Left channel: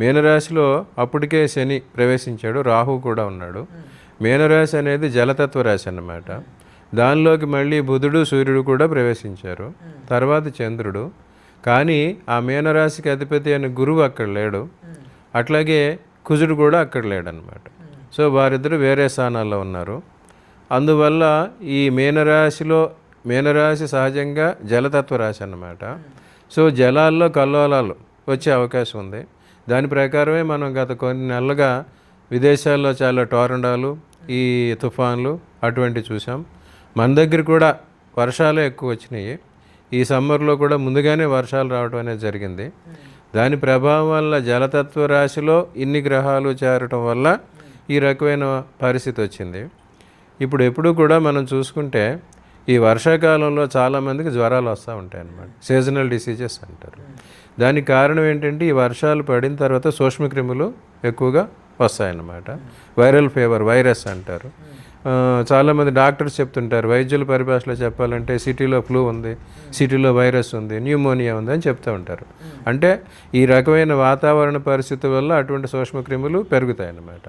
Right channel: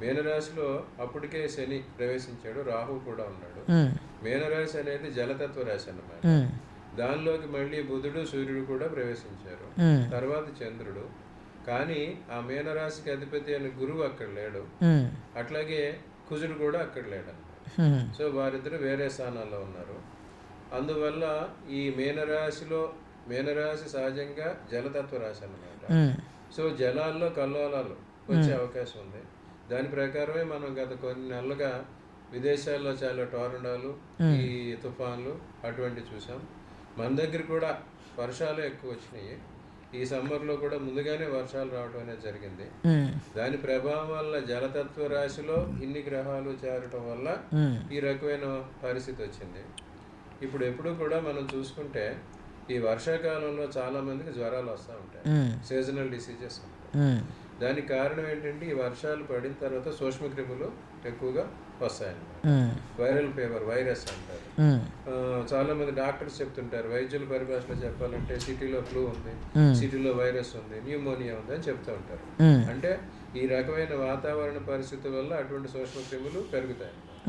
మీనరాశిలో అప్పటికే శని ప్రవేశించాడు, రాహు కూడా ఉన్నాడు. మీనరాశి అనేది జలతత్వ రాశి అన్నమాట. దానిలోకి మళ్ళీ బుధుడు సూర్యుడు కూడా ప్రవేశించారు, తర్వాత చంద్రుడు. కానీ ఆ మీనరాశికి అధిపతి అయిన గురువు అక్కడ లేడు, అట్లాగే కుజుడు కూడా అక్కడ లేడనమాట. సో వారిద్దరు వేరే స్థానాల్లో ఉన్నారు. అందువల్ల ఈ మీనరాశి సహజంగా జలతత్వ రాశి అన్నమాట. సో జలాల్లో కల్లోలాలు వచ్చే అవకాశం ఉంది. దాని ప్రకారమే మనం గత కొన్ని నెలలుగా విదేశాల్లో చాలా టోర్నడోలు, ఈ తుఫాన్లు అటువంటివి చూసాం. మన దగ్గర కూడా వర్షాలు ఎక్కువ వచ్చినాయి. ఈ సమ్మర్లో కూడా ముందుగానే వర్షాలు రావడం అనేది జరిగింది. దాని ప్రభావం వల్ల జలతత్వ రాశిలో ఇన్ని గ్రహాలు చేరటం వల్ల ఈ రకమైన పరిస్థితి వచ్చింది. ఇప్పుడు ఎప్పుడు కూడా మనం చూసుకుంటే ఈ వర్షాకాలంలో చాలామందికి జ్వరాలు వస్తూ ఉంటాయి, సీజనల్ డిసీజెస్ అంటారు. దానికి కారణం ఏంటంటే ఈ వర్షాలు పడిన తర్వాత సూక్ష్మక్రిములు ఎక్కువగా వస్తాయన్నమాట. వైరల్ ఫీవర్, వైరస్ అంటారు. చాలామంది డాక్టర్స్ చెప్తుంటారు, వైద్యుల పరిభాషలో చెప్పాలంటే సిటీలో ఫ్లూ ఉంది, సిటీలో వైరస్ ఉంది, న్యూమోనియా ఉంది అని చెప్తూ ఉంటారు. అంటే ఈ రకమైన వాతావరణ పరిస్థితి వల్ల అటువంటి సూక్ష్మక్రిములు పెరుగుతాయి అన్నమాట.